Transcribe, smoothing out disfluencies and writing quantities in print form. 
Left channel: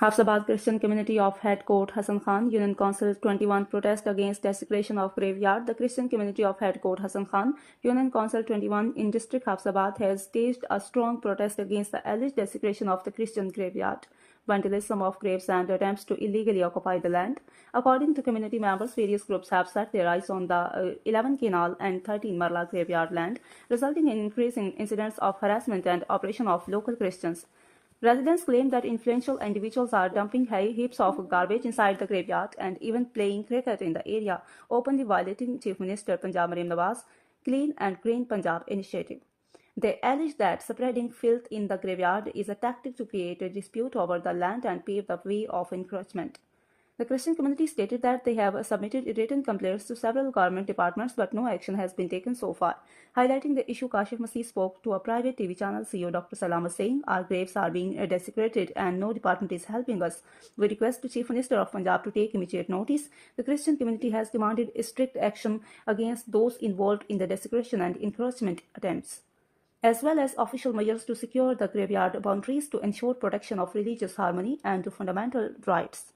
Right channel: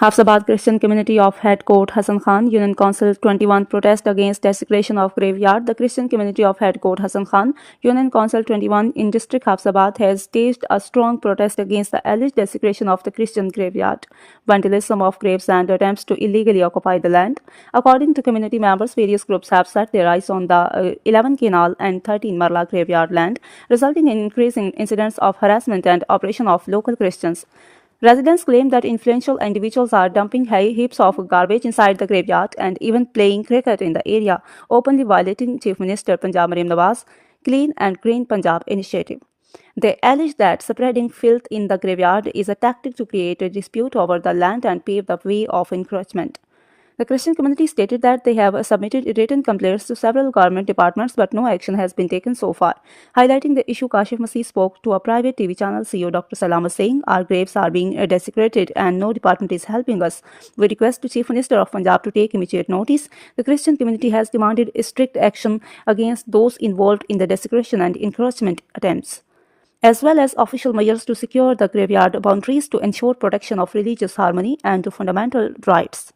Hafsabad Christian Community of Head Court Hassan Khan, Union Council 21 protest against desecration of graveyard. The Christian Community of Head Court Hassan Khan, Union Council 21 in District Hafsabad has staged a strong protest against the alleged desecration of the Christian graveyard, vandalism of graves and attempts to illegally occupy the land. According to community members, various groups have set their eyes on the 11 Kenal and 13 Marla graveyard land, resulting in increasing incidents of harassment and oppression of local Christians. Residents claim that influential individuals are dumping heaps of garbage inside the graveyard and even playing cricket in the area, openly violating Chief Minister Punjab Mariam Nawaz Clean and Green Punjab initiative. They allege that spreading filth in the graveyard is a tactic to create a dispute over the land and pave the way of encroachment. The Christian community stated that they have submitted written complaints to several government departments, but no action has been taken so far. Highlighting the issue, Kashif Masih spoke to a private TV channel CEO Dr. Salama saying, "Our graves are being desecrated and no department is helping us. We request the Chief Minister of Punjab to take immediate notice." The Christian community has demanded strict action against those involved in the desecration and encroachment attempts, as well as official measures to secure the graveyard boundaries to ensure protection of religious harmony and fundamental rights.